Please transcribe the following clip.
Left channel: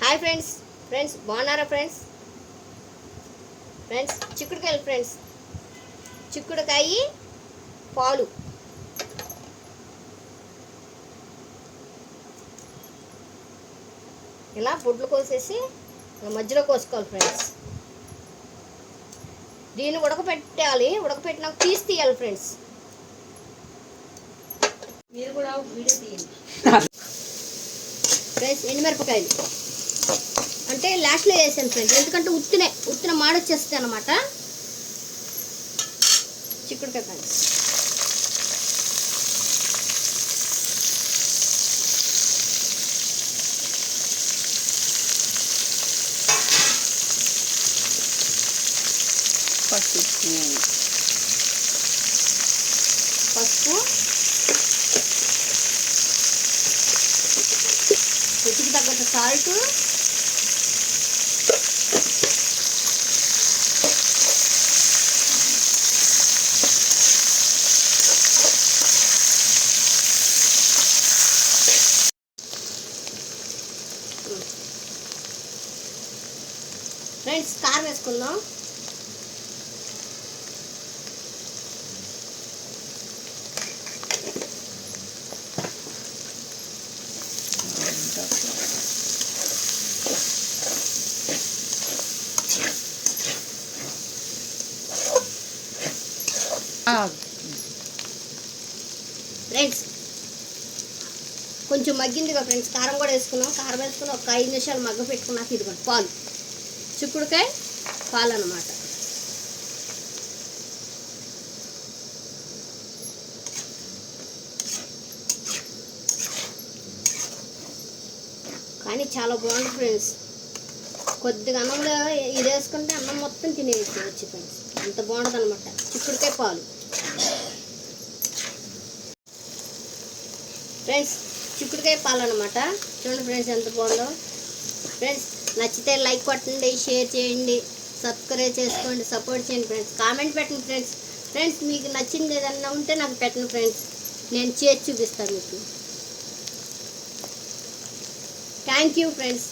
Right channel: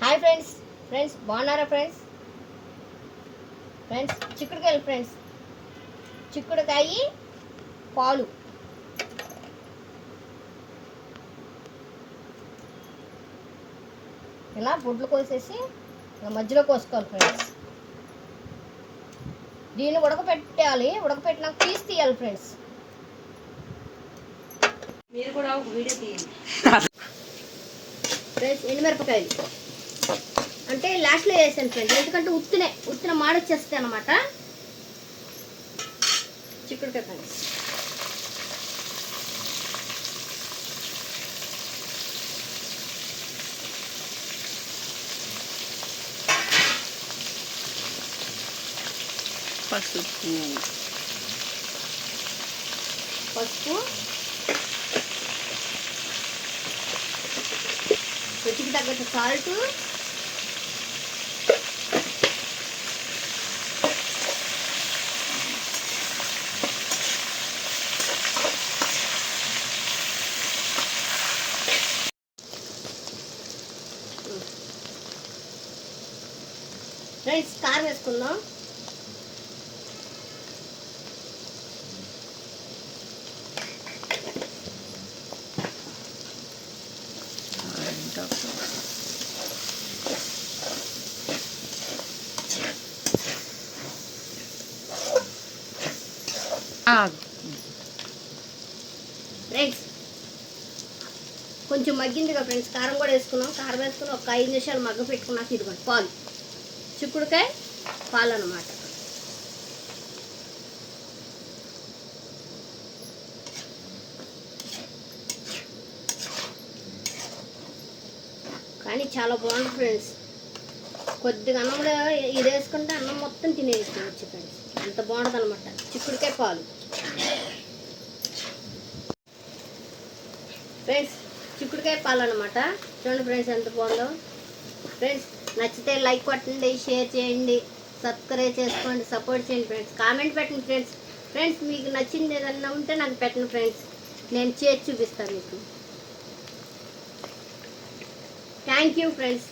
Hi friends, బాగున్నారా friends? చిక్కుడుకాయలు friends, చిక్కుడుకాయ పాలు. ఇలా గుడ్లు కోసేసి మధ్యలో కోసుకోవాలి ఫ్రెండ్స్. దీన్ని ఉడకపెట్టాలి. ఉడకపెట్టినాక తీయాలి ఫ్రెండ్స్. మీరు కూడా వీడియో తీయండి ఫ్రెండ్స్. ఎండుమిరపకాయలు అంటే లాస్ట్లో వేసాను ఫ్రెండ్స్, ఎందుకంటే ఉత్తిన మాడొచ్చేస్తాయి అన్నమాట. చిక్కుడుకాయ పసుపు రుచికి తగ్గట్టు సాల్ట్, ఫ్రెండ్స్ కారం వేసుకుందాం. ఫ్రెండ్స్ కొంచెం మగ్గిందిగా ఫ్రెండ్స్, కారం కూడా వేసుకున్నాం. కారం వేసుకుని ఒక 5 నిమిషాలు మగ్గ పెట్టుకున్నాక ఇదిగోండి పాలు, చిక్కుడుకాయ పాలు అన్నమాట. కానీ చాలా బాగుంటుంది ఫ్రెండ్స్. కొద్దిగా అన్నంలో ఇది వేసుకుంటే అన్నం మొత్తం తినేయచ్చు ఫ్రెండ్స్, అంత బాగుంటుంది అనమాట చిక్కుడుకాయ పాలు. ఫ్రెండ్స్ చిక్కుడుకాయ పాలు అనమాట. చూడండి ఫ్రెండ్స్ ఎంత బాగుందో. ఫ్రెండ్స్ నచ్చితే లైక్ కొట్టండి, షేర్ చేయండి, సబ్స్క్రైబ్ చేసుకోండి, సపోర్ట్ చేయండి ఫ్రెండ్స్. కామెంట్ పెట్టండి ఫ్రెండ్స్. మీకు నచ్చింది ఏదన్నా ఉంటే నాకు పెట్టండి ఫ్రెండ్స్, నేను చేసి చూపిస్తాను మీకు. Thank you friends.